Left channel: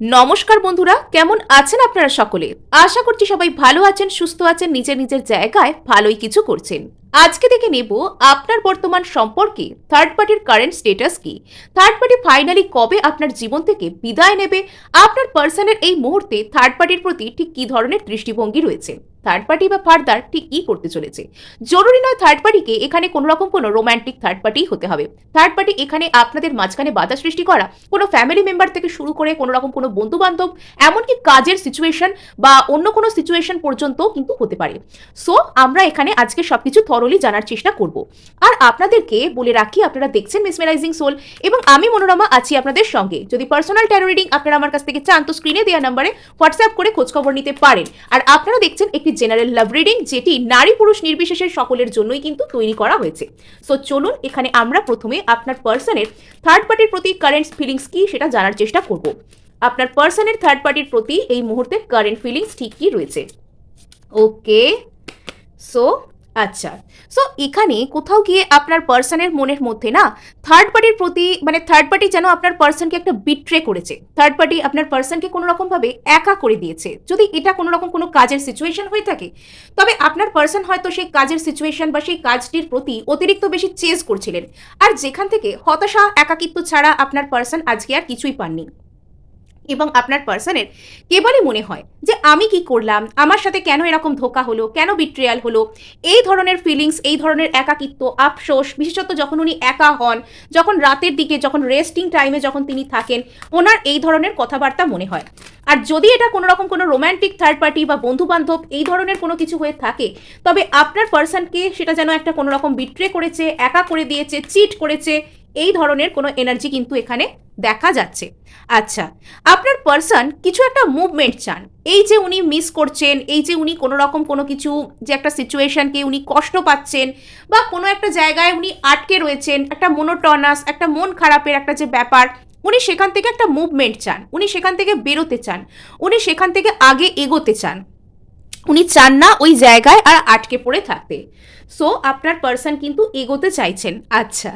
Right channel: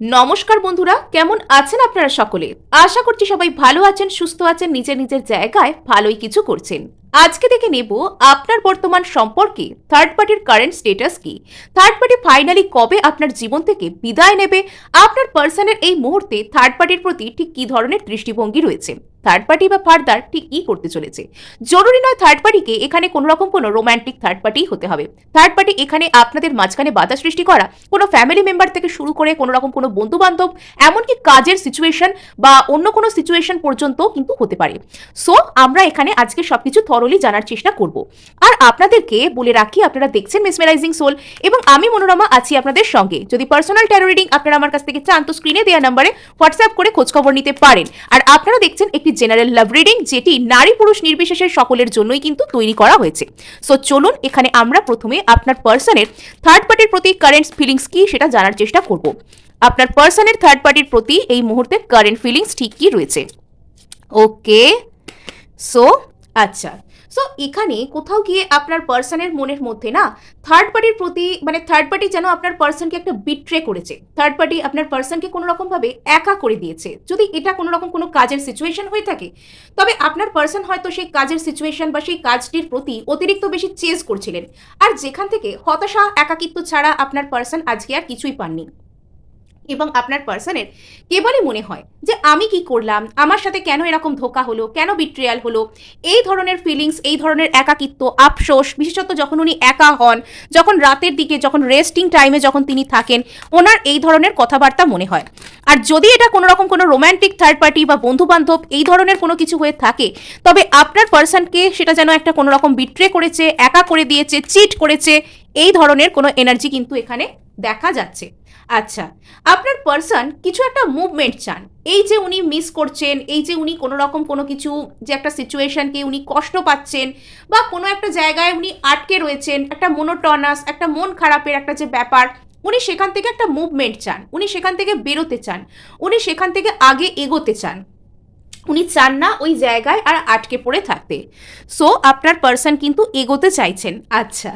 নমস্কার বন্ধুরা, কেমন আছেন আপনারা সকলে? আশা করছি সবাই ভালো আছেন, সুস্থ আছেন, নিজের নিজের জায়গায় ভালোই কিছু করছেন। আজকে দেখে নেব আপনার বর্তমান সম্পর্কে থার্ড পার্টির কারেন্ট স্টেটাস কি। থার্ড পার্টি ফাইনালি কবে আপনার জীবন থেকে বিদায় নেবে, আপনার পার্সনের এই মুহূর্তে থার্ড পার্টির প্রতি ঠিক কি ধরনের দৃষ্টিভঙ্গি রয়েছে, থার্ড পার্টি বা ফার্দার ঠিক কি করতে চলেছে। জরুরি নয় থার্ড পার্টিকে এখানে কোনো রকম কোনো রোম্যান্টিক থার্ড পার্টি হতে হবে। থার্ড পার্টি এখানে আপনাদের মাঝখানে বাধা সৃষ্টি করা কোনো ফ্যামিলি মেম্বার থেকে শুরু করে কোনো রকম কোনো বন্ধু বান্ধব, এমনকি কাজের সিচুয়েশন বা অন্য কোনো সিচুয়েশন পর্যন্ত কিন্তু হতে পারে। সো আমরা এখানে আজকে সবকিছু থরলি জানার চেষ্টা করব। আর আপনাদেরকে বলে রাখি, আপনারা দেখছেন মেসমেরাইজিং সোল এবং আমি মনোরমা আছি আপনাদের সঙ্গে। যদি পার্সোনাল ট্যারো রিডিং আপনারা আমার কাছ থেকে চান তো স্ক্রিনে দেওয়া নাম্বারে হোয়াটসঅ্যাপ করে খোঁজখবর নিতে পারেন। আর আপনারা দেখছেন একটি জেনারেল লাভ রিডিং, যেটি নারী পুরুষ নির্বিশেষে সকলের জন্যই কিন্তু তৈরি করা হয়েছে। সো চলুন এখানে আমরা প্রথমে আপনার পার্সনের থার্ড পার্টির প্রতি কারেন্ট ফিলিংস কি সেটা জানার চেষ্টা করব। আপনার পার্সনের থার্ড পার্টির প্রতি এই মুহূর্তে কারেন্ট ফিলিংস ঠিক কি রয়েছে। ওকে, সো আচ্ছা, সো এখানে কোথাও গিয়ে আপনার পার্সনের মনের মধ্যে না থার্ড পার্টির প্রতি মানে থার্ড পার্টি যেন আপনার পার্সনকে একটা বিট্রে করেছে। থার্ড পার্টি আপনার পার্সনকে কোনো রকমভাবে একা করে দিয়েছে। যদি এটা কোনো রকম কোনো কাজের সিচুয়েশন হয়ে থাকে, তবে আপনার পার্সন হয়তো সেই কাজের সিচুয়েশন বা সেই কাজটির প্রতি অতিরিক্ত বেশি চেজ করছিলেন, আর যেখান থেকে হতাশা একাকিত্ব ছাড়া আপনার পার্সন আজকে আর কিছুই পাননি। এবং আপনার পার্সনের কেবলই মনে হয় যে আমি কি করলাম, আমার সাথে কেন এরকম ধোকা হলো, কেন বিট্রিয়াল হলো। এই ধরনের ফিলিংস, এই ধরনের একাকিত্ব, আফসোস, বিশেষত যখন উনি একা হন, যখন রাতের দিকে, যখন রেস্টিং টাইমে যখন তিনি থাকেন, ওনার এই ধরনের কথাবার্তা মনে হয়। আর যদি এটা কোনো রকম কোনো রোম্যান্টিক থার্ড পার্টি বা বন্ধু বান্ধব এই ধরনের কোনো কিছু হয়ে থাকে, তবে আপনার পার্সনকে সেটা যেন একটা কোনো রকম বিট্রে করেছে, একা করে দিয়েছে, চিট করেছে, এই ধরনের কোনো এনার্জি কিন্তু এখানে দেখা যাচ্ছে। আচ্ছা, আপনার পার্সন কিছু একটা মুভমেন্ট চান। এই যে উনি মিস করছেন, এই যে উনি কোনো রকম কোনো কিছু, যে একটা সিচুয়েশনকে উনি কষ্ট পাচ্ছেন বা কোনো একটা জায়গায় উনি আটকে রয়েছেন, একটা মনোটনাস, একটা মন খারাপের একটা যে ব্যাপার, উনি সেখান থেকে একটা মুভমেন্ট চান, উনি সেখান থেকে বেরোতে চান, উনি সেখান থেকে আগে এগোতে চান, উনি চান না ওই জায়গায় আর আটকে পড়ে থাকতে। সো আপনার পার্সন কিন্তু এগোতে চাইছেন। আচ্ছা,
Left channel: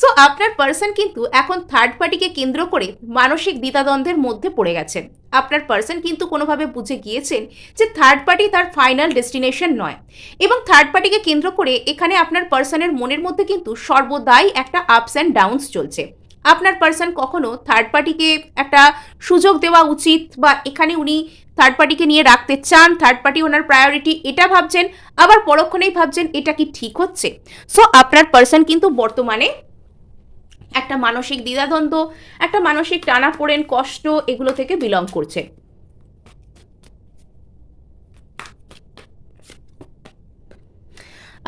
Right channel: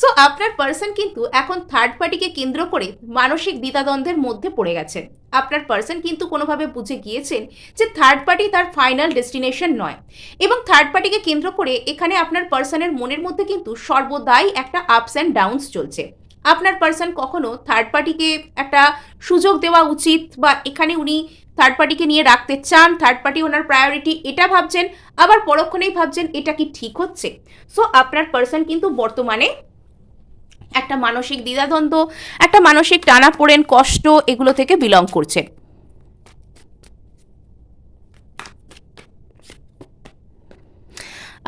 সো আপনার পার্সন কিন্তু এখন থার্ড পার্টিকে কেন্দ্র করে মানসিক দ্বিধাদ্বন্দ্বের মধ্যে পড়ে গেছেন। আপনার পার্সন কিন্তু কোনোভাবে বুঝে গিয়েছেন যে থার্ড পার্টি তার ফাইনাল ডেস্টিনেশন নয়, এবং থার্ড পার্টিকে কেন্দ্র করে এখানে আপনার পার্সনের মনের মধ্যে কিন্তু সর্বদাই একটা আপস অ্যান্ড ডাউনস চলছে। আপনার পার্সন কখনো থার্ড পার্টিকে একটা সুযোগ দেওয়া উচিত, বা এখানে উনি থার্ড পার্টিকে নিয়ে রাখতে চান, থার্ড পার্টি ওনার প্রায়োরিটি এটা ভাবছেন, আবার পরক্ষণেই ভাবছেন এটা কি ঠিক হচ্ছে। সো আপনার পার্সন কিন্তু বর্তমানে একটা মানসিক দ্বিধাদ্বন্দ্ব, একটা মানসিক টানাপোড়েন, কষ্ট, এগুলো থেকে বিলং করছে।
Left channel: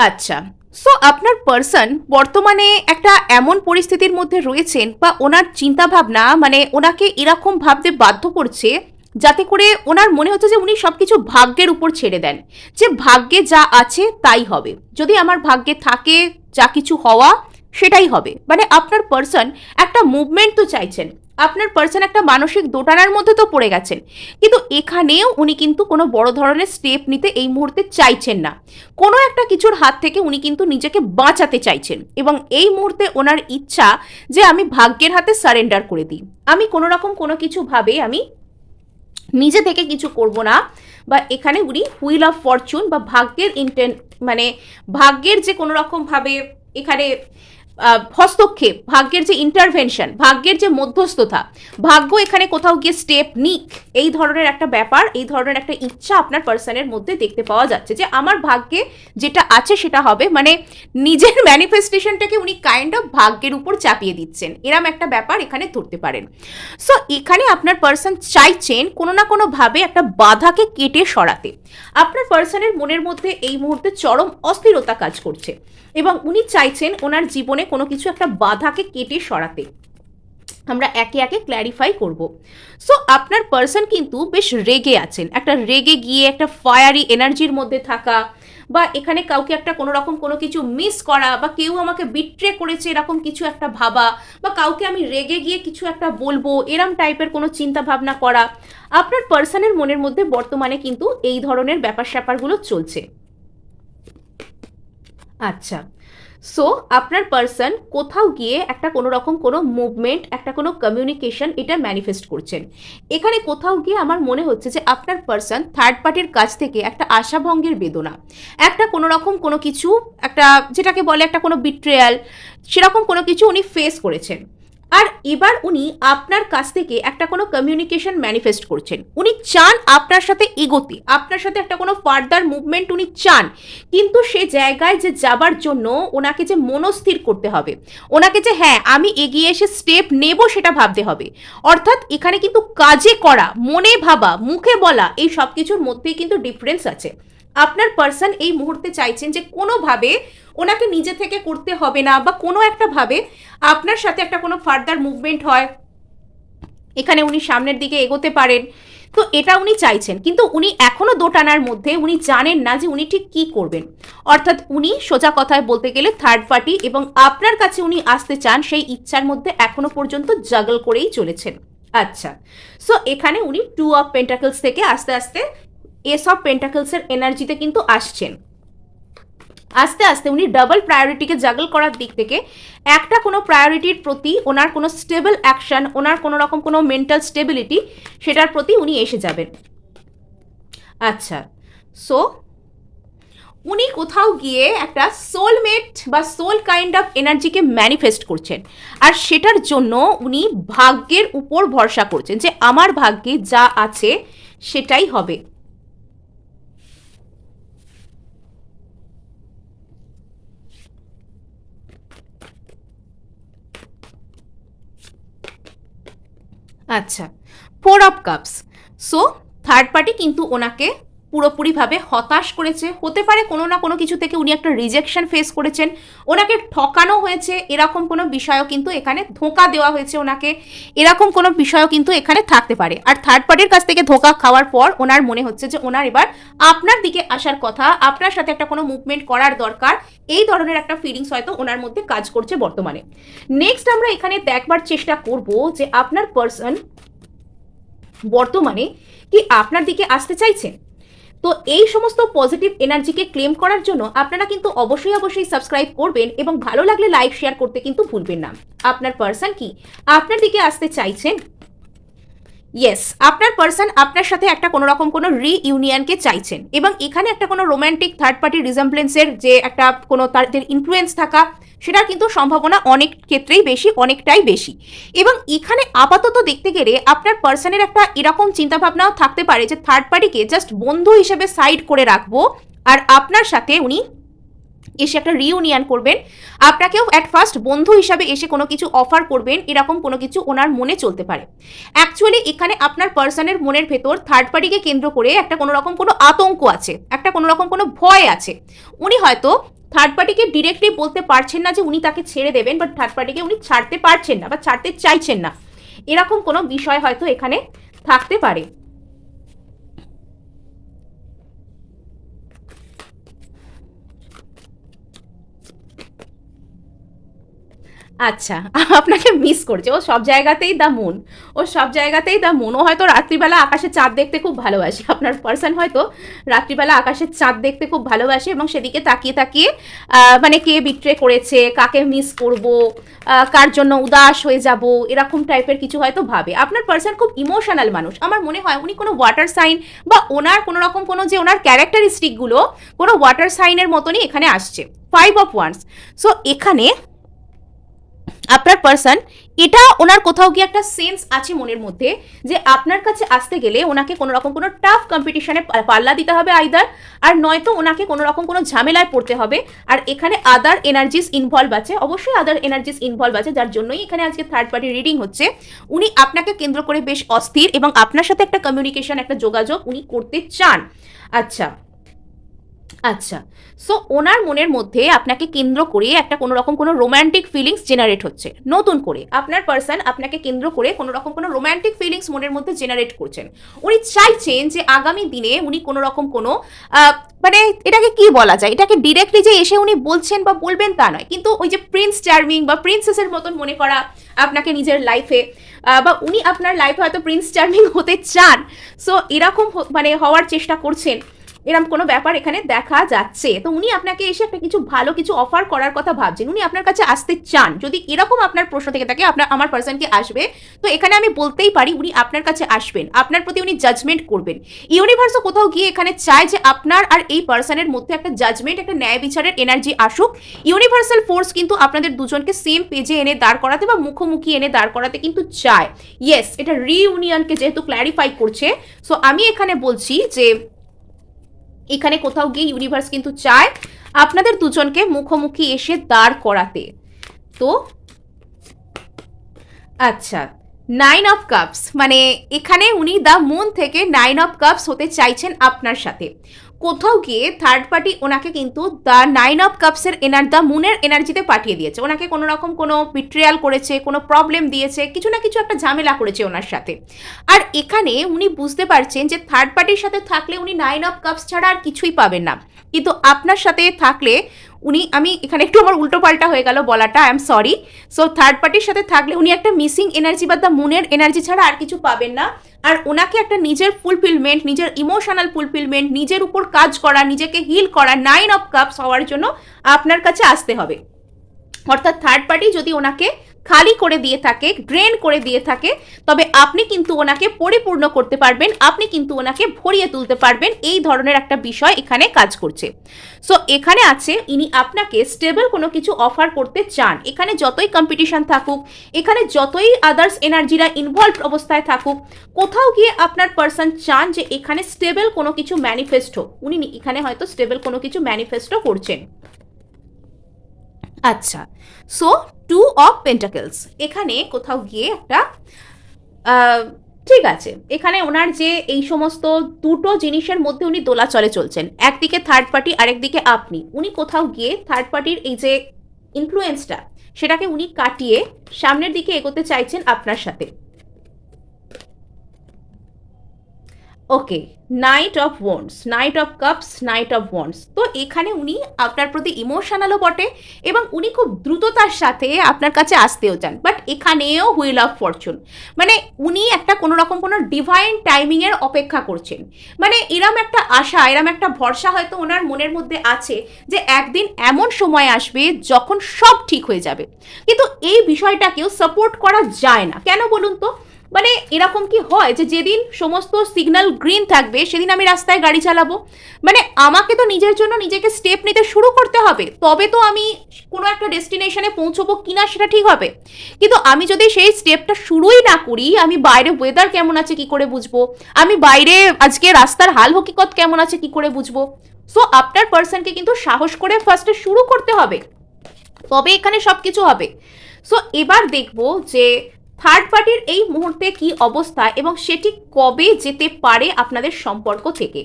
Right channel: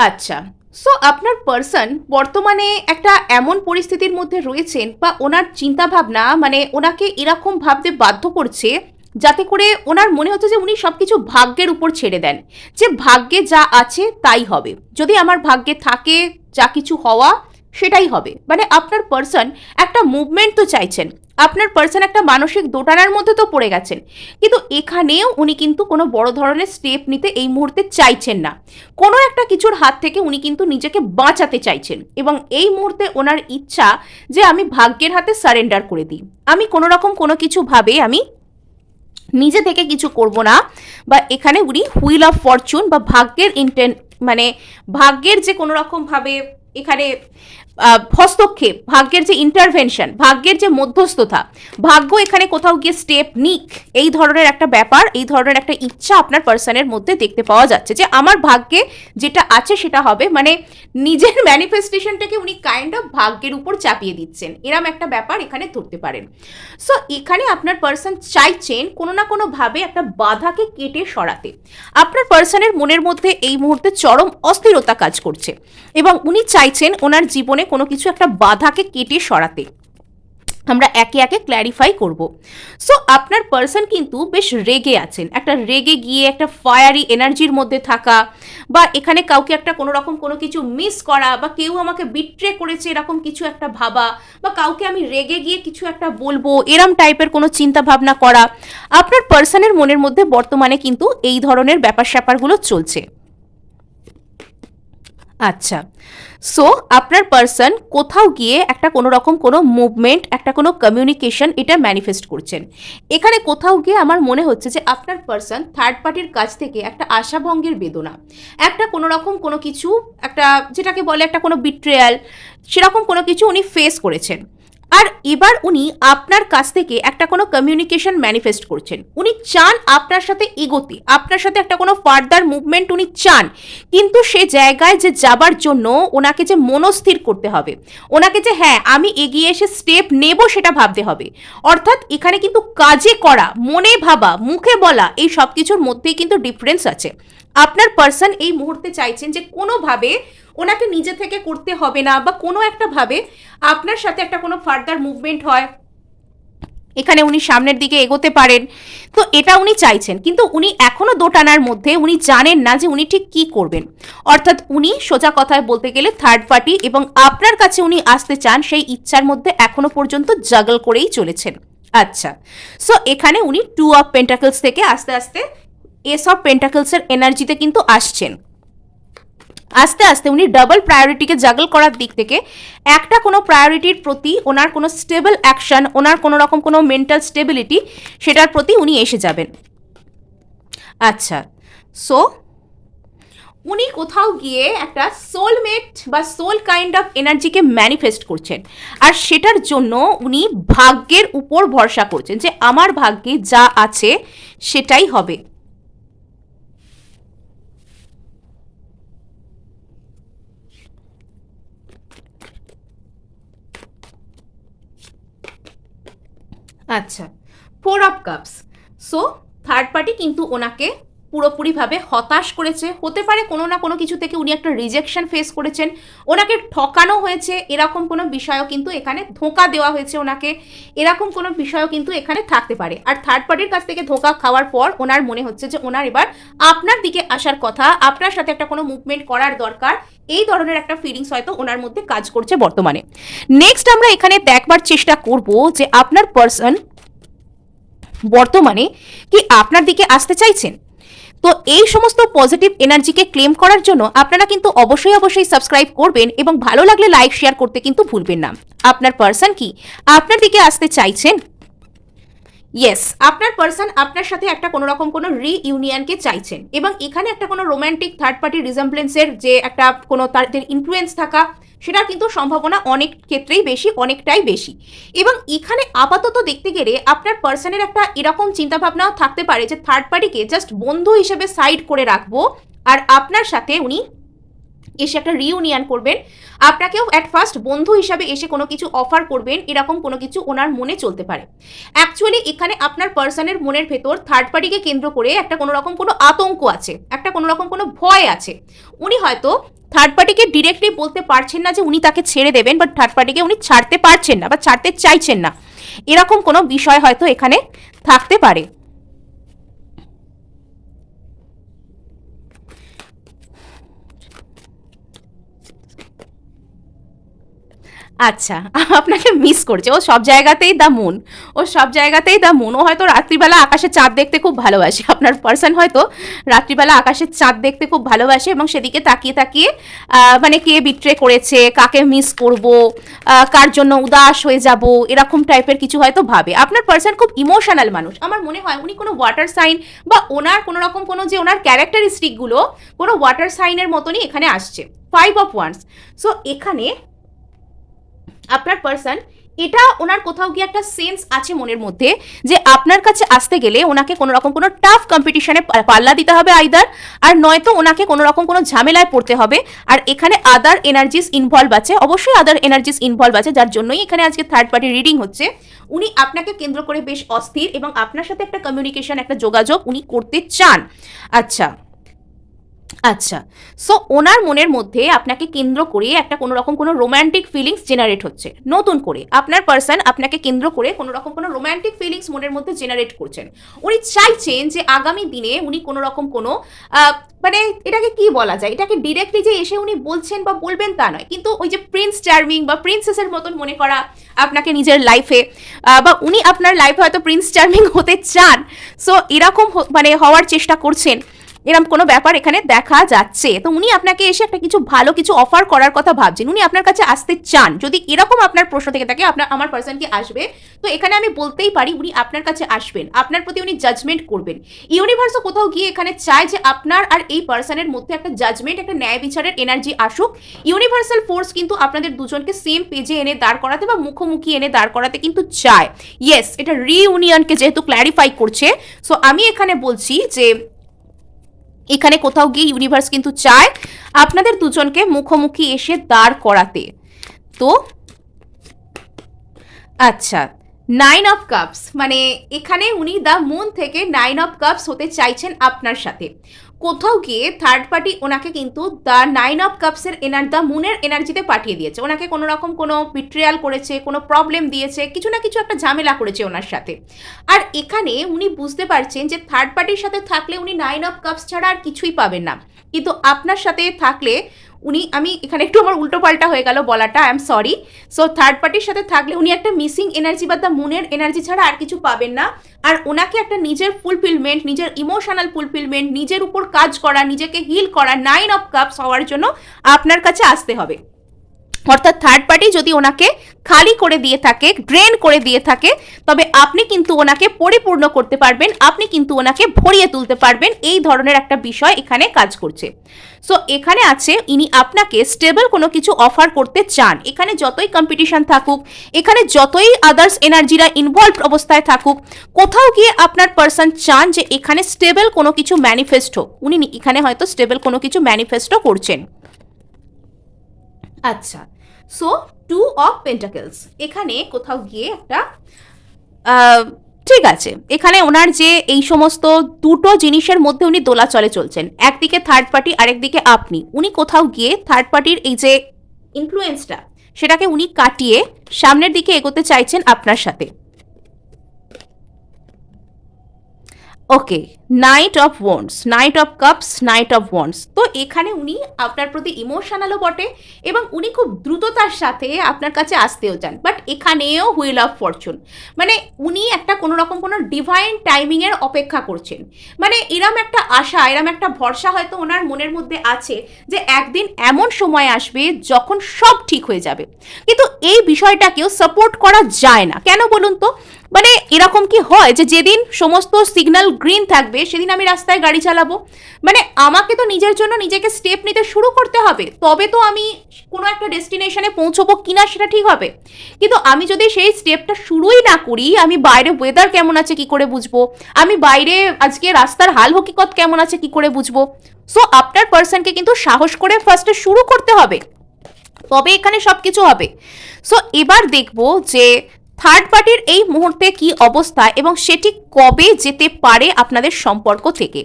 আচ্ছা, সো আপনার পার্সন বর্তমানে একটা এমন পরিস্থিতির মধ্যে রয়েছেন, বা ওনার চিন্তাভাবনা মানে ওনাকে এরকম ভাবতে বাধ্য করছে যাতে করে ওনার মনে হচ্ছে যে উনি সব কিছু ভাগ্যের উপর ছেড়ে দেন, যে ভাগ্যে যা আছে তাই হবে, যদি আমার ভাগ্যে থাকে যা কিছু হওয়া সেটাই হবে। মানে আপনার পার্সন একটা মুভমেন্ট তো চাইছেন, আপনার পার্সন একটা মানসিক দোটানার মধ্যে তো পড়ে গেছেন, কিন্তু এখানেও উনি কিন্তু কোনো বড় ধরনের স্টেপ নিতে এই মুহূর্তে চাইছেন না। কোনো একটা কিছুর হাত থেকে উনি কিন্তু নিজেকে বাঁচাতে চাইছেন, এবং এই মুহূর্তে ওনার ইচ্ছা যে আমি ভাগ্যের হাতে সারেন্ডার করে দিই, আমি কোনো রকম কোনো কিছু ভাবে আমি নিজে থেকে কিছু করব না। বা এখানে উনি হুইল অফ ফরচুন বা ভাগ্যের মানে ভাগ্যের যে কোনো রকম ভাবে এখানে হস্তক্ষেপ, ভাগ্যের যে ইন্টারভেনশন, ভাগ্যের যে মধ্যস্থতা, ভাগ্য এখানে কোথাও গিয়ে স্টেপ নিক, এই ধরনের একটা ব্যাপার, এই ধরনের একটা ইচ্ছা আপনার পার্সনের মধ্যে দেখতে পাওয়া যাচ্ছে যে আমার ভাগ্যে যেটা আছে সেটা হবে। মানে নিজের ম্যানিফেস্টেশনটাকে উনি কাইন্ড অফ ভাগ্যের উপর চাপিয়ে দিচ্ছেন, এরম একটা ব্যাপার এখানে ধরতে পারেন। সো এখানে আপনার পার্সন চাইছেন কোনো না কোনোভাবে একটা বাধাকে কেটে সরাতে। আপনার পার্সনের মনের মধ্যে এই মুহূর্তে চরম অস্থিরতা কাজ করছে, এবং উনি চাইছেন ওনার জীবনে কোনো কিছু একটা বাধাকে কেটে সরাতে। আমরা একে একে ক্ল্যারিফাই করব। সো আপনার পার্সন কিন্তু বেশ রেগে আছেন, একটা রেগে গিয়ে একটা ফায়ারি এনার্জির মধ্যে থাকা, বা এখানে কাউকে একটা কোনো রকম কোনো কিছু মিস করা, বা কেউ আমাকে বিট্রে করেছে এরকম কিছু একটা ভাবা, বা কাউকে আমি রেগে গিয়ে কিছু একটা বলবো এরম টাইপের কোনো চিন্তা ভাবনা করা, আপনার পার্সনের মনের মধ্যে বর্তমানে কিন্তু এই ধরনের ব্যাপার স্যাপারগুলো চলছে। আচ্ছা, সো আপনার পার্সন কোথাও গিয়ে একটা কোনো রকম কোনো মুভমেন্ট, একটা কোনো কমিউনিকেশন এটা ম্যানিফেস্ট করছেন। এখানে কোথাও গিয়ে আমার মনে হচ্ছে যে আপনার পার্সন থার্ড পার্টির কাছ থেকে একটা আশাভঙ্গের বেদনা, একটা কোনো রকম কোনো কিছু, একটা যেটাকে বলে একটা কোনো বিট্রেয়াল, সেরকম কোনো কিছু উনি ফেস করেছেন। আর এবার উনি আপনার কাছ থেকে একটা কোনো কমিউনিকেশন ম্যানিফেস্ট করছেন। উনি চান আপনার সাথে এগোতে, আপনার সাথে একটা কোনো ফার্দার মুভমেন্ট উনি চান, কিন্তু সে জায়গায় যে যাবার জন্য ওনাকে যে মনস্থির করতে হবে, ওনাকে যে হ্যাঁ আমি এগিয়ে এসে স্টেপ নেব সেটা ভাবতে হবে। অর্থাৎ এখানে কিন্তু কাজে করা, মনে ভাবা, মুখে বলা, এই সব কিছুর মধ্যেই কিন্তু ডিফারেন্স আছে। আপনার পার্সন এই মুহূর্তে চাইছেন যে কোনোভাবে ওনাকে নিজে থেকে করতে হবে না, বা কোনো একটা ভাবে আপনার সাথে একটা কোনো ফার্দার মুভমেন্ট হয়, এখানে উনি সামনের দিকে এগোতে পারেন। তো এটা উনি চাইছেন, কিন্তু উনি এখনো দোটানার মধ্যে, উনি জানেন না যে উনি ঠিক কি করবেন। অর্থাৎ উনি সোজা কথায় বলতে গেলে থার্ড পার্টি এবং আপনার কাছে উনি আসতে চান সেই ইচ্ছার মধ্যে এখনো পর্যন্ত জাগল করেই চলেছেন। আচ্ছা, সো এখানে উনি 2 অফ পেন্টাকলস থেকে আস্তে আস্তে এস অফ পেন্টাকলসের এনার্জিতে কিন্তু আসছেন। আস্তে আস্তে উনি ডাবল প্রায়োরিটিকে জাগল করার দিক থেকে একটা কোনো প্রায়োরিটির প্রতি ওনার কোনো স্টেবল অ্যাকশন, ওনার কোনো রকম কোনো মেন্টাল স্টেবিলিটি, সেটার প্রতি উনি এসে যাবেন। আচ্ছা, সো উনি কোথাও গিয়ে একটা সোলমেট বা সোল কাইন্ড অফ এনার্জিকে ম্যানিফেস্ট করছেন, আর সেটার জন্য উনি ভাগ্যের উপর ভরসা করছেন যে আমার ভাগ্যে যা আছে সেটাই হবে। আচ্ছা, 4 of cups. So third party কিন্তু ওনাকে পুরোপুরিভাবে হতাশ করেছে। হতে পারে কোনো না কোনো কিছু থেকে উনি একটা রিজেকশন ফেস করেছেন, ওনাকে ঠকানো হয়েছে, এরকম কোনো বিষয়ও কিন্তু এখানে, ধোঁকা দেওয়া হয়েছে ওনাকে, এরকম কোনো বিষয়ও কিন্তু এখানে থাকতে পারে। আর থার্ড পার্টির কাছ থেকে ধোঁকা খাওয়ার পর ওনার মনে হচ্ছে যে ওনার এবার আপনার দিকে আসার কথা, আপনার সাথে একটা কোনো মুভমেন্ট করার দরকার, এই ধরনের একটা ফিলিংস হয়তো ওনার মধ্যে কাজ করছে বর্তমানে। নেক্সট আমরা এখানে দেখবার চেষ্টা করব যে আপনার পার্সন বর্তমানে কি আপনার দিকে আসতে চাইছেন। তো এই সমস্ত পজিটিভ এনার্জিকে ক্লেম করার জন্য আপনারা কিন্তু অবশ্যই অবশ্যই সাবস্ক্রাইব করবেন, এবং ভালো লাগলে লাইক শেয়ার করতে কিন্তু ভুলবেন না। আপনার পার্সন কি আপনার দিকে আসতে চাইছেন? ইয়েস, আপনার পার্সন আপনার সাথে একটা কোনো রকম কোনো রিইউনিয়নকে চাইছেন, এবং এখানে একটা কোনো রোম্যান্টিক থার্ড পার্টি রিজেম্বলেন্সের যে একটা কোনো তাদের ইনফ্লুয়েন্স থাকা, সেটার কিন্তু সম্ভাবনা অনেক ক্ষেত্রেই বেশি, অনেকটাই বেশি। এবং এখানে আপাতত দেখতে গেলে আপনার পার্সনের একটা এরকম চিন্তাভাবনাও থাকতে পারে যে থার্ড পার্টিকে জাস্ট বন্ধু হিসেবে সাইড করে রাখবো, আর আপনার সাথে উনি এসে একটা রিউনিয়ন করবেন, আপনাকেও অ্যাট ফার্স্ট বন্ধু হিসাবে এসে কোনো কিছু অফার করবেন, এরকম কোনো কিছু ওনার মনে চলতে পারে। অ্যাকচুয়ালি এখানে আপনার পার্সনের মনের ভেতর থার্ড পার্টিকে কেন্দ্র করে একটা কোনো রকম কোনো আতঙ্ক আছে, একটা কোনো রকম কোনো ভয় আছে। উনি হয়তো থার্ড পার্টিকে ডিরেক্টলি বলতে পারছেন না যে উনি তাকে ছেড়ে দেবেন, বাট থার্ড পার্টিকে উনি ছাড়তে পারছেন না বা ছাড়তে চাইছেন না, এরকম কোনো বিষয় হয়তো এখানে থাকতে পারে। আচ্ছা, আপনাকে মিস করছে। ও সব জায়গাতেই দ্য মুন, ও সব জায়গাতেই দ্য মুন। ও হয়তো রাত্রিবেলা আকাশে চাঁদ দেখতে খুব ভালোবাসে। আপনার পার্সন হয়তো রাত্রিবেলা আকাশের চাঁদ দেখতে খুব ভালোবাসে, এবং সেদিকে তাকিয়ে তাকিয়ে মানে কে বিট্রে করেছে, কাকে মিস করব, কার জন্য উদাস হয়ে যাব, এরকম টাইপের কিছু হয়তো ভাবে। আপনার পার্সন খুব ইমোশনাল মানুষ। আমার মনে হয় উনি কোনো ওয়াটার সাইন, বা ওনার কোনো রকম কোনো যে ওনার ক্যারেক্টারিস্টিকগুলো কোনো ওয়াটার সাইনের মতনই এখানে আসছে। 5 অফ ওয়ান্স। সো এখানে আপনার পার্সন, এটা ওনার কোথাও গিয়ে একটা সেন্স আছে মনের মধ্যে যে আপনার কাছে আসতে গেলে ওনাকে কোনো রকম কোনো টাফ কম্পিটিশনে পাল্লা দিতে হবে আইদার, আর নয়তো ওনাকে কোনো রকম কোনো ঝামেলায় পড়তে হবে। আর এখানে আদার এনার্জিস ইনভলভ আছে, অবশ্যই আদার এনার্জিস ইনভলভ আছে, যার জন্যই এখানে আজকে থার্ড পার্টি রিডিং হচ্ছে। উনি আপনাকে কেন্দ্র করে বেশ অস্থির, এবং আপনার সাথে একটা কমিউনিকেশন, একটা যোগাযোগ উনি করতে চান। আচ্ছা আচ্ছা, সো ওনার মনের মধ্যে আপনাকে কেন্দ্র করে একটা কোনো রকম কোনো রোম্যান্টিক ফিলিংস জেনারেট হচ্ছে নতুন করে। আপনার পার্সন আপনাকে কেন্দ্র করে কোনো রকম কোনো রোম্যান্টিক ফিলিংস মনের মধ্যে জেনারেট করছেন। উনি চাইছেন যে আগামী দিনে উনি কোনো রকম কোনো মানে এটাকে কি বলা যায়, এটাকে ডিরেক্টলি যে এসে উনি বলছেন বা বলবেন তা নয়, কিন্তু ওই যে প্রিন্স চার্মিং বা প্রিন্সেসের মতন মনে করা আপনাকে নিজের লাইফে, বা উনি আপনার লাইফে হয়তো প্রিন্স চার্মিং হতে চান। সো এরকম মানে হওয়ার চেষ্টা করছেন। এরকম কোনো ব্যাপার এখানে দেখা যাচ্ছে। তো উনি আপনাকে এসে একটা কিছু ভালো কিছু অফার করার কথা ভাবছেন, উনি আপনার কাছে আসতে চান। যদি এরকম আপনার প্রশ্ন থেকে থাকে আমার পার্সন কি আসবে, তো এখানে আমি বলতেই পারি উনি আপনার কাছে আসবেন, আপনার প্রতি উনি জাজমেন্ট করবেন। ইউনিভার্সও কোথাও গিয়ে এখানে চায় যে আপনার আর এই পার্সনের মধ্যে একটা জাজমেন্ট, একটা ন্যায় বিচারের এনার্জি আসুক। ইউনিভার্সাল ফোর্স কিন্তু আপনাদের দুজনকে সেম পেজে এনে দাঁড় করাতে বা মুখোমুখি এনে দাঁড় করাতে কিন্তু চায়। ইয়েস, এটা রিইউনিয়নকে যেহেতু ক্ল্যারিফাই করছে, সো আমি এখানে বলছি যে এখানে কোথাও গিয়ে ইউনিভার্স কিন্তু চায় আপনাদের দুজনকে মুখোমুখি এসে দাঁড় করাতে। তো আচ্ছা, 9 অফ কাপস, মানে এখানে উনি দ্য মুন থেকে 9 অফ কাপস হতে চাইছেন আপনার সাথে। কোথাও গিয়ে থার্ড পার্টি ওনাকে কিন্তু দ্য 9 অফ কাপসের দ্য মুনের এনার্জিতে পাঠিয়ে দিয়েছে। ওনাকে কোনো রকম কোনো বিট্রিয়াল করেছে, কোনো প্রবলেম দিয়েছে, কিছু না কিছু একটা ঝামেলা করেছে ওনার সাথে। আর এখানে উনি বুঝতে পারছেন যে থার্ড পার্টির সাথে থাকলে উনি 9 অফ কাপস ছাড়া আর কিছুই পাবেন না, কিন্তু আপনার সাথে থাকলে উনি, আমি এখানে একটু আমার উল্টো পাল্টা হয়ে গেল বলাটা, I am sorry. So third পার্টির সাথে থাকলে উনি একটা মিসিং এনার্জি বা দ্য মুনের এনার্জি ছাড়া আর কিছু পাবেন না। আর ওনাকে একটা নিজের ফুলফিলমেন্ট, নিজের ইমোশনাল ফুলফিলমেন্ট, নিজের উপর কাজ করা, নিজেকে হিল করা, 9 অফ কাপস হওয়ার জন্য আপনার কাছে আসতে হবে। অর্থাৎ থার্ড পার্টি যদি ওনাকে খালি করে দিয়ে থাকে, ড্রেন করে দিয়ে থাকে, তবে আপনি কিন্তু ওনাকে পরিপূর্ণ করতে পারবেন, আপনি কিন্তু ওনাকে ভরিয়ে তুলতে পারবেন, এই ধরনের একটা বিষয় এখানে কাজ করছে। সো এখানে আছে ইনি আপনাকে স্টেবল কোনো কিছু অফার করতে চান। এখানে যতই কম্পিটিশন থাকুক, এখানে যতই আদার্স এনার্জিরা ইনভলভ অবস্থায় থাকুক, কোথাও গিয়ে আপনার পার্সন চান যে এখানে স্টেবল কোনো কিছু ম্যানিফেস্ট হোক। উনি এখানে হয়তো স্টেবল কোনো কিছু ম্যানিফেস্টও করছেন। আচ্ছা, সো 2 অফ পেন্টাকেলস, এখানে কোথাও গিয়ে একটা ঠিক আছে, এখানে ওনার যে এই সমস্ত দুটো জিনিসের মধ্যে উনি দোলাচলে চলছেন, একদিকে থার্ড পার্টি আরেকদিকে আপনি। উনি কোথাও গিয়ে থার্ড পার্টির এই যে ইনফ্লুয়েন্সটা, সেটাকে উনি কাটিয়ে সামনের দিকে এগোতে চাইছেন আপনার সাথে। Okay, knight of wands, knight of cups, knight of wands. তো এখানে উনি আপনার প্রতি ইমোশনালও বটে এবং উনি খুব দ্রুততার সাথে আপনার কাছে আসতেও চান। বাট এখানেও হুইল অফ ফরচুন, মানে উনি একটা কোনো রকম কোনো ডিভাইন টাইমিংয়ের অপেক্ষা করছেন। মানে এরম একটা আশা, এরম একটা ভরসা হয়তো ওনার মনের মধ্যে আছে যে একদিন এমন সময় আসবে যখন সব ঠিক হয়ে যাবে। কিন্তু এই বিষয়টাকেও সাপোর্ট করা যায় না, কেন বলুন তো? মানে এরকম কি হয় যে যেদিন সমস্ত সিগন্যাল গ্রিন থাকবে সেদিন আমি রাস্তায় গাড়ি চালাবো? মানে আমাকে তো নিজের জন্য নিজেকে স্টেপ নিতে শুরু করতে হবে, তবে তো আমি কোনো একটা ডেস্টিনেশনে পৌঁছবো কিনা সেটা ঠিক হবে। কিন্তু আমি যদি সেই স্টেপটা শুরুই না করি, আমি বাইরে ওয়েদার কেমন আছে কি করে বুঝবো, আমি বাইরে আজকে রাস্তার হাল হকিকত কেমন আছে কি করে বুঝবো? সো আপনার পার্সনকে কিন্তু সাহস করে ফার্স্টে শুরু করতে হবে, তবে এখানে সব কিছু হবে। সো এবার দেখবো যে থার্ড পার্টির এই মুহূর্তে কি অবস্থা এবং সেটি কবে যেতে পারে আপনাদের সম্পর্ক থেকে।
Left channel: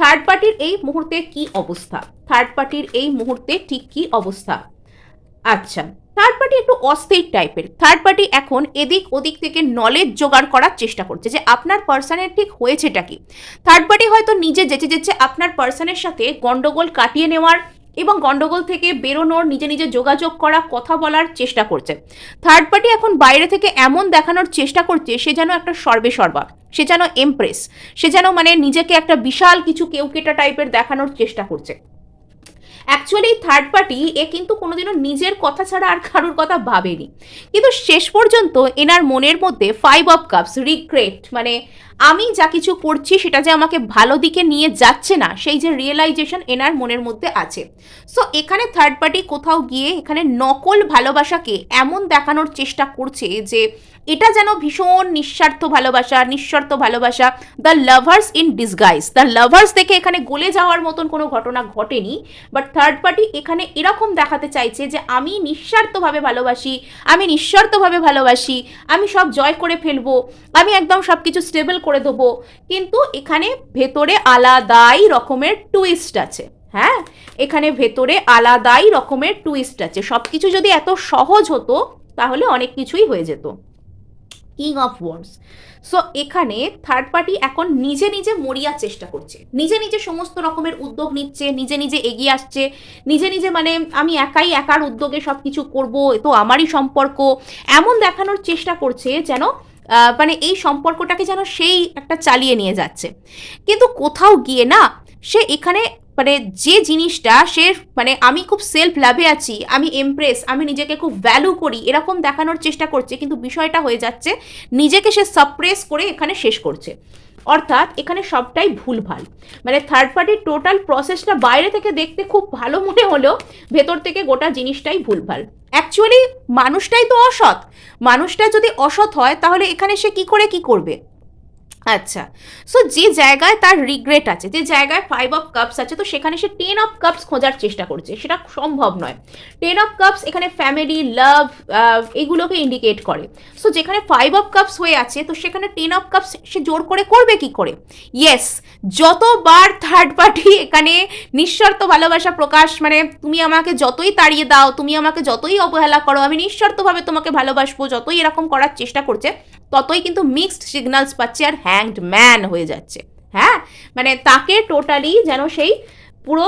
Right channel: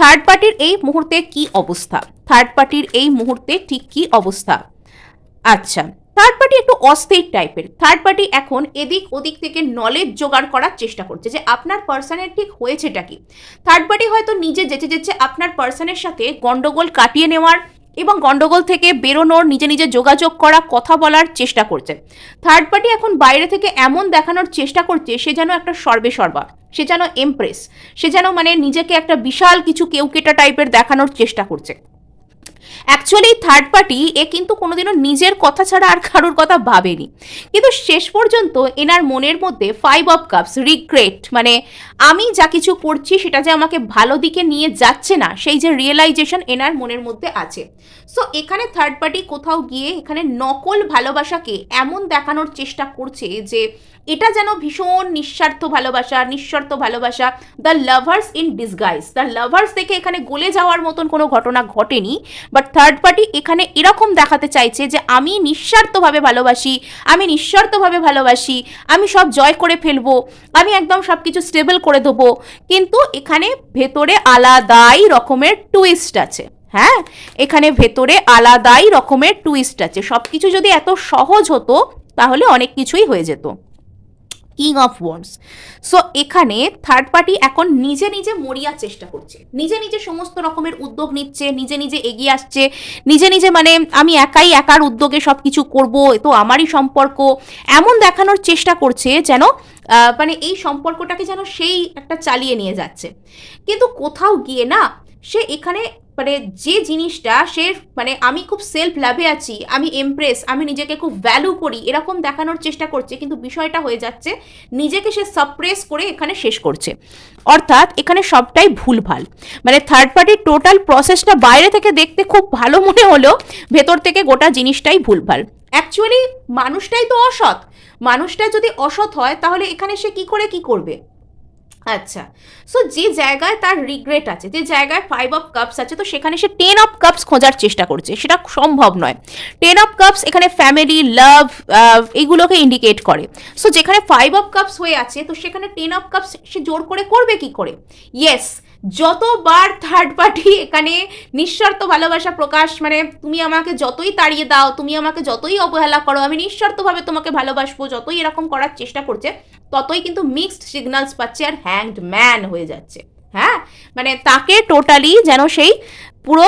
থার্ড পার্টির এই মুহূর্তে কি অবস্থা, থার্ড পার্টির এই মুহূর্তে ঠিক কি অবস্থা? আচ্ছা, থার্ড পার্টি একটু অস্থির টাইপের। থার্ড পার্টি এখন এদিক ওদিক থেকে নলেজ জোগাড় করার চেষ্টা করছে যে আপনার পার্সনের ঠিক হয়েছেটা কি। থার্ড পার্টি হয়তো নিজে যেচে যেচে আপনার পার্সনের সাথে গন্ডগোল কাটিয়ে নেওয়ার এবং গন্ডগোল থেকে বেরোনোর, নিজে নিজে যোগাযোগ করা, কথা বলার চেষ্টা করছে। থার্ড পার্টি এখন বাইরে থেকে এমন দেখানোর চেষ্টা করছে সে যেন একটা সর্বেসর্বা, সে যেন এমপ্রেস, সে যেন মানে নিজেকে একটা বিশাল কিছু কেউকেটা টাইপের দেখানোর চেষ্টা করছে। অ্যাকচুয়ালি থার্ড পার্টি এ কিন্তু কোনোদিনও নিজের কথা ছাড়া আর কারোর কথা ভাবেনি, কিন্তু শেষ পর্যন্ত এনার মনের মধ্যে 5 অফ কাপস, রিগ্রেট, মানে আমি যা কিছু করছি সেটা যে আমাকে ভালো দিকে নিয়ে যাচ্ছে না, সেই যে রিয়েলাইজেশন এনার মনের মধ্যে আছে। সো এখানে থার্ড পার্টি কোথাও গিয়ে এখানে নকল ভালোবাসাকে এমন দেখানোর চেষ্টা করছে যে এটা যেন ভীষণ নিঃস্বার্থ ভালোবাসা, নিঃশর্ত ভালোবাসা, the lovers in disguise. The lovers থেকে এখানে গলে যাওয়ার মতন কোনো ঘটনা ঘটেনি, বাট থার্ড পার্টি এখানে এরকম দেখাতে চাইছে যে আমি নিঃস্বার্থভাবে ভালোবাসি, আমি নিঃশর্তভাবে ভালোবাসি, আমি সব জয় করে ফেলবো, আমি একদম সব কিছু স্টেবল করে দেবো। কিন্তু এখানে ভেতরে আলাদাই রকমের টুইস্ট আছে। হ্যাঁ, এখানে ভেতরে আলাদাই রকমের টুইস্ট আছে। সব কিছু যদি এত সহজ হতো তাহলে অনেক কিছুই হয়ে যেত। King of wands. সো এখানে থার্ড পার্টি এখন নিজে নিজে মরিয়ার চেষ্টা করছে, নিজে নিজে সমস্ত রকমের উদ্যোগ নিচ্ছে, নিজে নিজে এগিয়ে আসছে, নিজে নিজে মানে আমি একাই একার উদ্যোগে সব কিছু করবো, এ তো আমারই সম্পর্ক, এমন দেখানোর চেষ্টা করছে যেন মানে এই সম্পর্কটাকে যেন সেই একটা চালিয়ে নিয়ে যাচ্ছে। কিন্তু কোথাও গিয়ে না সে এখানে মানে যে জিনিসটা সে মানে আমি খুব সেলফ লাভে আছি, আমি এমপ্রেস, আমি নিজেকে খুব ভ্যালু করি এরকম দেখানোর চেষ্টা করছে, কিন্তু বিষয়টা হয়ে যাচ্ছে নিজেকে সে সাপ্রেস করে এখানে শেষ করছে। অর্থাৎ এখানে সবটাই ভুলভাল। মানে থার্ড পার্টির টোটাল প্রসেসটা বাইরে থেকে দেখতে খুব ভালো মনে হলো, ভেতর থেকে গোটা জিনিসটাই ভুলভাল। অ্যাকচুয়ালি মানুষটাই তো অসৎ। মানুষটা যদি অসৎ হয় তাহলে এখানে সে কি করে কি করবে? আচ্ছা, সো যে জায়গায় তার রিগ্রেট আছে, যে জায়গায় 5 অফ কাপস আছে, তো সেখানে সে 10 অফ কাপস খোঁজার চেষ্টা করছে, সেটা সম্ভব নয়। 10 অফ কাপস এখানে ফ্যামিলি, লাভ, এগুলোকে ইন্ডিকেট করে। সো যেখানে 5 অফ কাপস হয়ে আছে, তো সেখানে 10 অফ কাপস সে জোর করে করবে কি করে? ইয়েস, যতবার থার্ড পার্টি এখানে নিঃস্বার্থ ভালোবাসা প্রকাশ, মানে তুমি আমাকে যতই তাড়িয়ে দাও, তুমি আমাকে যতই অবহেলা করো, আমি নিঃস্বার্থভাবে তোমাকে ভালোবাসবো, যতই এরকম করার চেষ্টা করছে, ততই কিন্তু মিক্সড সিগন্যালস পাচ্ছে আর হ্যাংড ম্যান হয়ে যাচ্ছে। হ্যাঁ, মানে তাকে টোটালি যেন সেই পুরো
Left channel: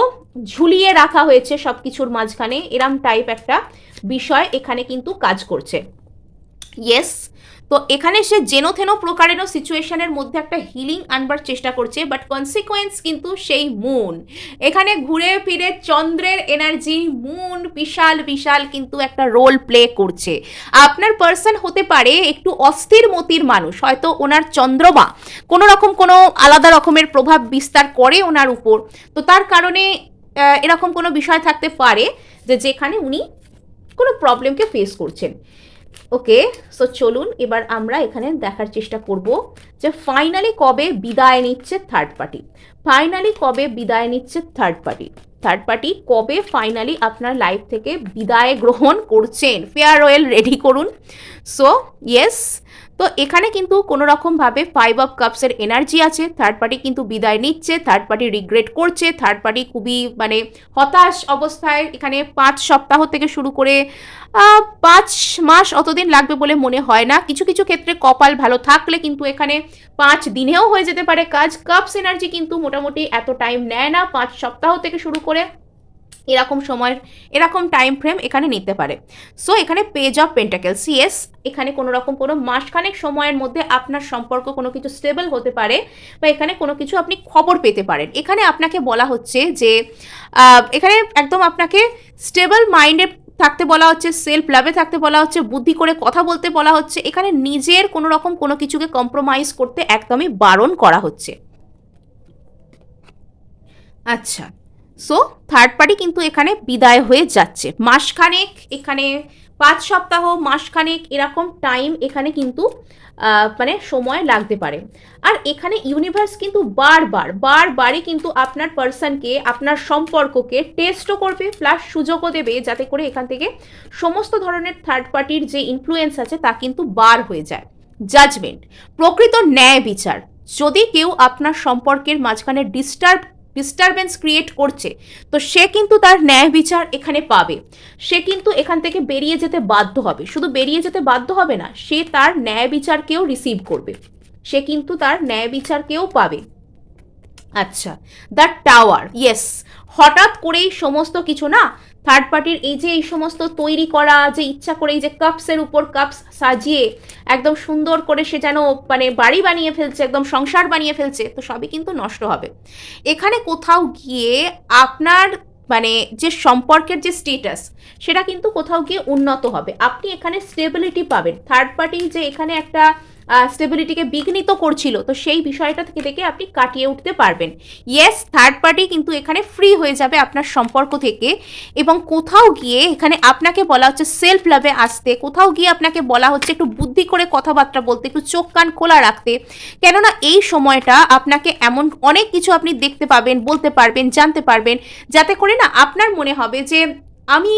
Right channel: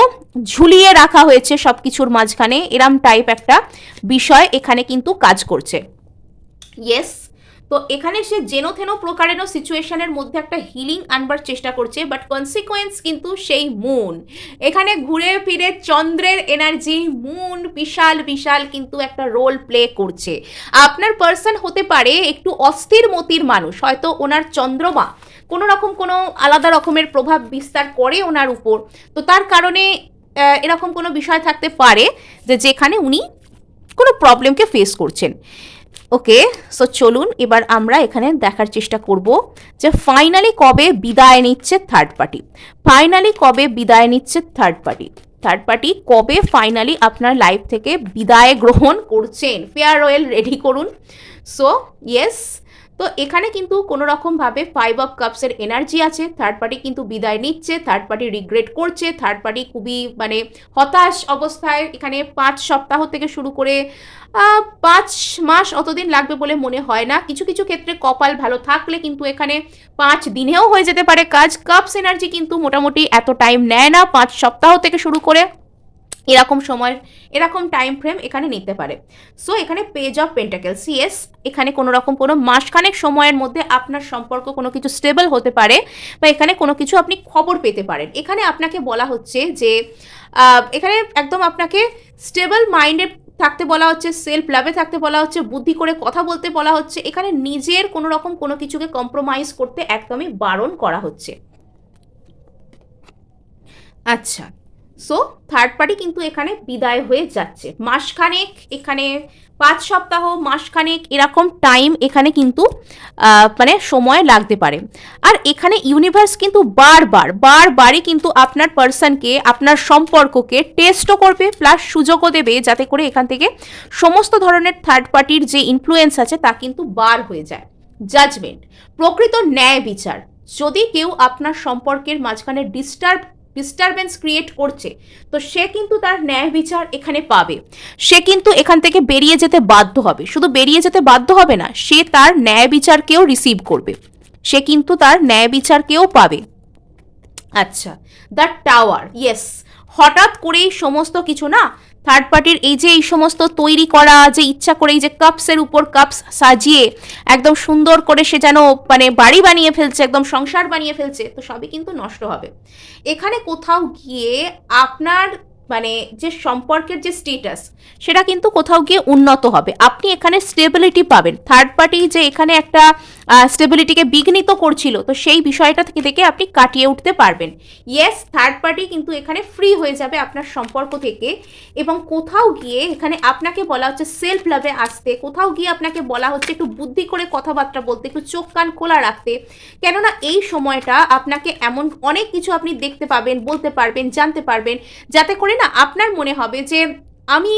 ঝুলিয়ে রাখা হয়েছে সব কিছুর মাঝখানে, এরম টাইপ একটা বিষয় এখানে কিন্তু কাজ করছে। ইয়েস, তো এখানে সে যেন প্রকারেণ সিচুয়েশনের মধ্যে একটা হিলিং আনবার চেষ্টা করছে, বাট কনসিকোয়েন্স কিন্তু সেই মুন। এখানে ঘুরে ফিরে চন্দ্রের এনার্জি, মুন বিশাল বিশাল কিন্তু একটা রোল প্লে করছে। আপনার পার্সন হতে পারে একটু অস্থির মতির মানুষ, হয়তো ওনার চন্দ্রমা কোনো রকম কোনো আলাদা রকমের প্রভাব বিস্তার করে ওনার উপর, তো তার কারণে এরকম কোনো বিষয় থাকতে পারে যে যেখানে উনি কোনো প্রবলেমকে ফেস করছেন। ওকে, সো চলুন এবার আমরা এখানে দেখার চেষ্টা করব যে ফাইনালি কবে বিদায় নিচ্ছে থার্ড পার্টি। ফাইনালি কবে বিদায় নিচ্ছে থার্ড পার্টি? থার্ড পার্টি কবে ফাইনালি আপনার লাইফ থেকে বিদায় গ্রহণ করছেন? ফেয়ারওয়েল রেডি করুন। সো ইয়েস, তো এখানে কিন্তু কোনো রকমভাবে 5 অফ কাপসের এনার্জি আছে, থার্ড পার্টি কিন্তু বিদায় নিচ্ছে, থার্ড পার্টি রিগ্রেট করছে, থার্ড পার্টি খুবই মানে হতাশ অবস্থায়। এখানে 5 সপ্তাহ থেকে শুরু করে 5 মাস অতদিন লাগবে বলে মনে হয় না। কিছু কিছু ক্ষেত্রে কপাল ভালো থাকলে কিন্তু এখানে 5 দিনেও হয়ে যেতে পারে কাজ। কাপস এনার্জি কিন্তু মোটামুটি এত টাইম নেয় না, 5 সপ্তাহ থেকে শুরু করে এরকম সময়, এরকম টাইম ফ্রেম এখানে নিতে পারে। সো এখানে পেজ অফ পেন্টাকেলস, ইয়েস, এখানে কোনো রকম কোনো মাসখানেক সময়ের মধ্যে আপনার সম্পর্ক কোনো কিছু স্টেবল হতে পারে, বা এখানে কোনো কিছু আপনি খবর পেতে পারেন। এখানে আপনাকে বলা হচ্ছে যে এখানে একদম আপনাকে স্টেবল মাইন্ডে থাকতে বলা হচ্ছে, সেলফ লাভে থাকতে বলা হচ্ছে, বুদ্ধি করে কথা বলতে বলা হচ্ছে। এখানে নিজের কোনো রকম কোনো কিছুকে কম্প্রোমাইজ করতে একদমই বারণ করা হচ্ছে। আচ্ছা, সো থার্ড পার্টি কিন্তু এখানে বিদায় হয়ে যাচ্ছে। মাসখানেক, এখানে 5 সপ্তাহ, মাসখানেক এরকম টাইম এখানে কিন্তু মানে সময় লাগতে পারে। আর এখানে ইউনিভার্স কিন্তু বারবারই কিন্তু আপনার পার্সনকে, আপনার সম্পর্ককে টেস্টও করবে, প্লাস সুযোগও দেবে, যাতে করে এখান থেকে সমস্ত ধরনের থার্ড পার্টির যে ইনফ্লুয়েন্স আছে তা কিন্তু বার হয়ে যায়। জাজমেন্ট, প্রকৃত ন্যায় বিচার। যদি কেউ আপনার সম্পর্কের মাঝখানে ডিস্টারবেন্স ক্রিয়েট করছে, তো সে কিন্তু তার ন্যায় বিচার এখানে পাবে। সে কিন্তু এখান থেকে বেরিয়ে যেতে বাধ্য হবে। শুধু বেরিয়ে যেতে বাধ্য হবে না, সে তার ন্যায় বিচারকেও রিসিভ করবে, সে কিন্তু তার ন্যায় বিচারকেও পাবে। আচ্ছা, দ্য টাওয়ার, ইয়েস, হঠাৎ করেই সমস্ত কিছু না, থার্ড পার্টির এই যে এই সমস্ত তৈরি করা, যে ইচ্ছা করে এই যে কাপসের উপর কাপস সাজিয়ে একদম সুন্দর করে সে যেন মানে বাড়ি বানিয়ে ফেলছে, একদম সংসার বানিয়ে ফেলছে, তো সবই কিন্তু নষ্ট হবে। এখানে কোথাও গিয়ে আপনার মানে যে সম্পর্কের যে স্টেটাস, সেটা কিন্তু কোথাও গিয়ে উন্নত হবে। আপনি এখানে স্টেবিলিটি পাবেন। থার্ড পার্টি যে এখানে একটা স্টেবিলিটিকে বিঘ্নিত করছিল, তো সেই বিষয়টা থেকে আপনি কাটিয়ে উঠতে পারবেন। ইয়েস, থার্ড পার্টি কিন্তু এখানে ফ্রি হয়ে যাবে আপনার সম্পর্ক থেকে, এবং কোথাও গিয়ে এখানে আপনাকে বলা হচ্ছে সেলফ লাভে আসতে, কোথাও গিয়ে আপনাকে বলা হচ্ছে একটু বুদ্ধি করে কথাবার্তা বলতে, একটু চোখ কান খোলা রাখতে। কেননা এই সময়টা আপনাকে এমন অনেক কিছু আপনি দেখতে পাবেন, বলতে পারবেন, জানতে পারবেন, যাতে করে না আপনার মনে হবে যে আমি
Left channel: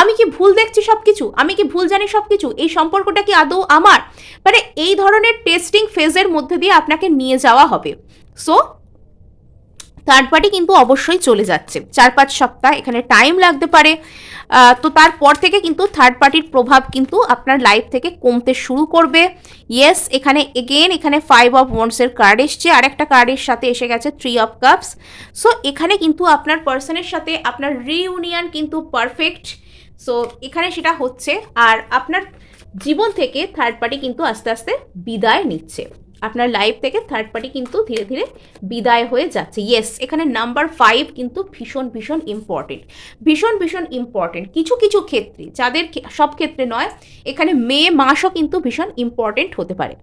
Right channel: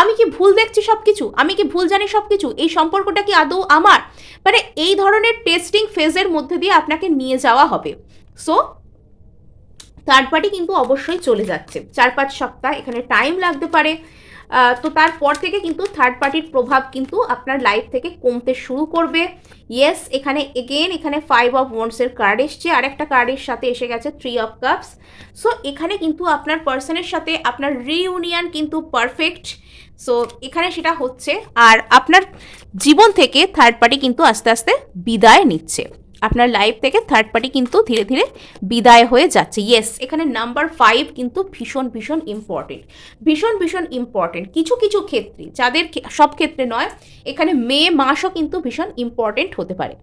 আমি কি ভুল দেখছি সব কিছু, আমি কি ভুল জানি সব কিছু, এই সম্পর্কটা কি আদৌ আমার, মানে এই ধরনের টেস্টিং ফেজের মধ্যে দিয়ে আপনাকে নিয়ে যাওয়া হবে। সো থার্ড পার্টি কিন্তু অবশ্যই চলে যাচ্ছে, 4-5 সপ্তাহ এখানে টাইম লাগতে পারে। তো তারপর থেকে কিন্তু থার্ড পার্টির প্রভাব কিন্তু আপনার লাইফ থেকে কমতে শুরু করবে। ইয়েস, এখানে এগেন এখানে 5 অফ ওয়ান্ডসের কার্ড এসছে, আরেকটা কার্ডের সাথে এসে গেছে 3 অফ কাপস। সো এখানে কিন্তু আপনার পার্সনের সাথে আপনার রিইউনিয়ন কিন্তু পারফেক্ট। সো এখানে সেটা হচ্ছে, আর আপনার জীবন থেকে থার্ড পার্টি কিন্তু আস্তে আস্তে বিদায় নিচ্ছে। আপনার লাইফ থেকে থার্ড পার্টি কিন্তু ধীরে ধীরে বিদায় হয়ে যাচ্ছে। ইয়েস, এখানে নাম্বার 5 কিন্তু ভীষণ ভীষণ ইম্পর্টেন্ট, ভীষণ ভীষণ ইম্পর্টেন্ট। কিছু কিছু ক্ষেত্রে, যাদের সব ক্ষেত্রে নয়, এখানে মে মাসও কিন্তু ভীষণ ইম্পর্টেন্ট হতে পারে।